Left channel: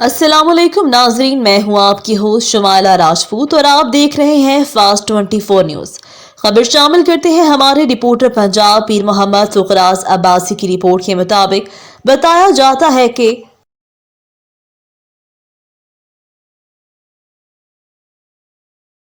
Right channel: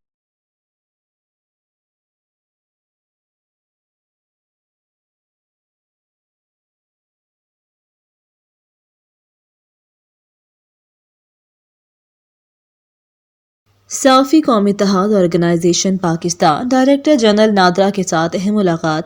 अस्सलाम वालेकुम नाजरीन, मैं हूं आपकी होस्ट शमाला राजपूत और आप देख रहे हैं फास्ट 24 न्यूज। खबर शामिल करते हैं हमारे रिपोर्टर पंजाब पीर मोहम्मद फुकराज अब्बासी की रिपोर्ट के मुताबिक बताया जाता है कि साफी कौमी इत्तेहाद organization Pakistan director general NADRA के साथ अहम मुलाकात।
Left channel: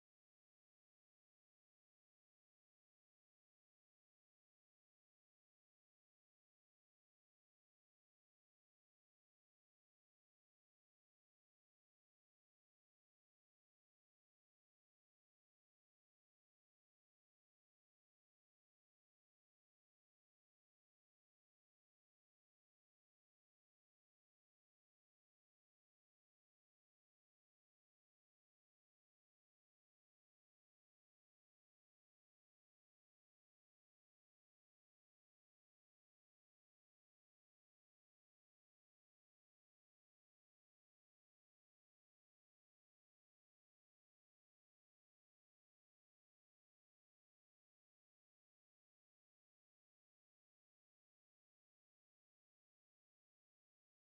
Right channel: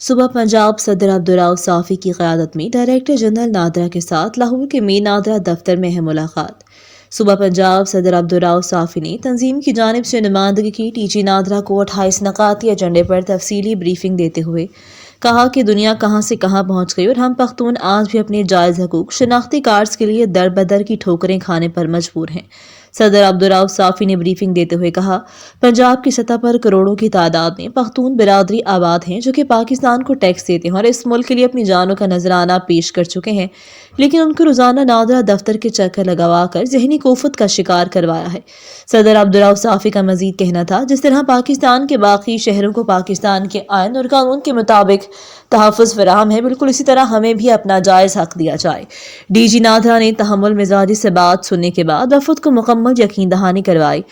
सुबह पंजाब सदर अब्दुर्रऊफ साफी की क़यादत में डायरेक्टर जनरल नादरा के साथ लाहौर के मीर नादरा दफ्तर में अहम मुलाकात। सुबह पंजाब सदर अब्दुर्रऊफ साफी ने तंजीम की जानिब से नुमाइंदगी की। टीजी नादरा को 28 नकाती एजेंडे पर तफसीली ब्रीफिंग देते हुए कहा कि दुनिया कहां से कहां पहुंच गई और हम पख्तून आज भी अपने जायज़ हकूक शनाख्ती कार्ड्स के लिए दर बदर की ठोकरें खाने पर मजबूर हैं। सदर अब्दुर्रऊफ साफी ने ब्रीफिंग देते हुए कहा, पंजाब की सतह पर करोड़ों की तादाद में पख्तून बिरादरी आबाद हैं जो कि पाकिस्तान को टैक्स देते हैं और इस मुल्क के लिए अपनी जानों का नजराना पेश कर चुके हैं, लेकिन उनको रोजाना नादरा दफ्तर के चक्कर लगवा कर जहनी कोफत का शिकार करवाया है। सदर अब्दुर्रऊफ साफी का मजीद कहना था, जिस तरह पाकिस्तान के बाकी शहरों को पाकिस्तान के आइन और कानून के मुताबिक तहफ़्फ़ुज़ फराहम है, बिल्कुल इसी तरह हमें भी अपना जायज़ हक दिया जाए। डीजी नादरा ने तहम्मुल मिजाजी से बात सुनने के बाद वफद को मुकम्मल यकीन दहानी करवाई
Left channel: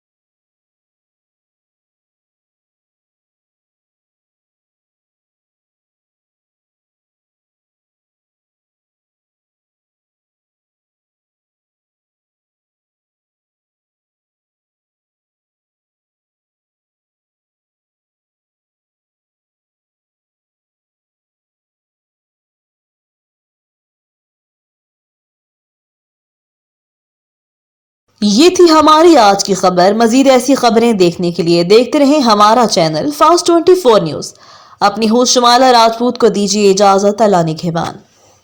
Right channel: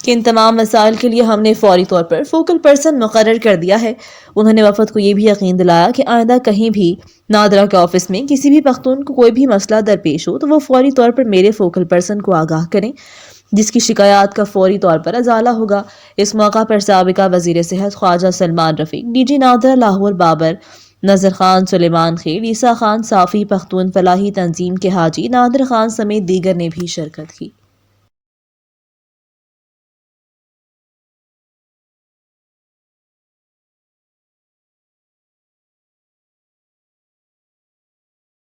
कि इन तमाम मसाइल के लिए हमने फौरी तौर पर फोकल पर्सन मुकर्रर कर दिया है। उन्होंने वफद को ये भी यकीन दिलाया कि आइंदा कहीं भी नादरा के ऑफिस में किसी भी पख्तून को कोई भी मसला दरपेश हो तो वो फौरी तौर पर मेरे फोकल पर्सन को आगाह करें, जिसकी शिकायत का फौरी तौर पर अजाला होगा। इस मौका पर साबिका वजीर सेहत ख्वाजा सलमान रफीक, डीजी नादरा लाहौर बाबर, नजर खान, सुलेमान खेल, ईसा खान साफी, पख्तून फलाही तंजीम के हाजी नादिर खान समेत दीगर ने भी शिरकत की। ये थी हमारी आज की खबर। मजीद ऐसी खबरें देखने के लिए देखते रहें हमारा चैनल फास्ट 24 न्यूज। अपनी होस्ट शमाला राजपूत को दीजिए इजाजत। अल्लाह निगहबान।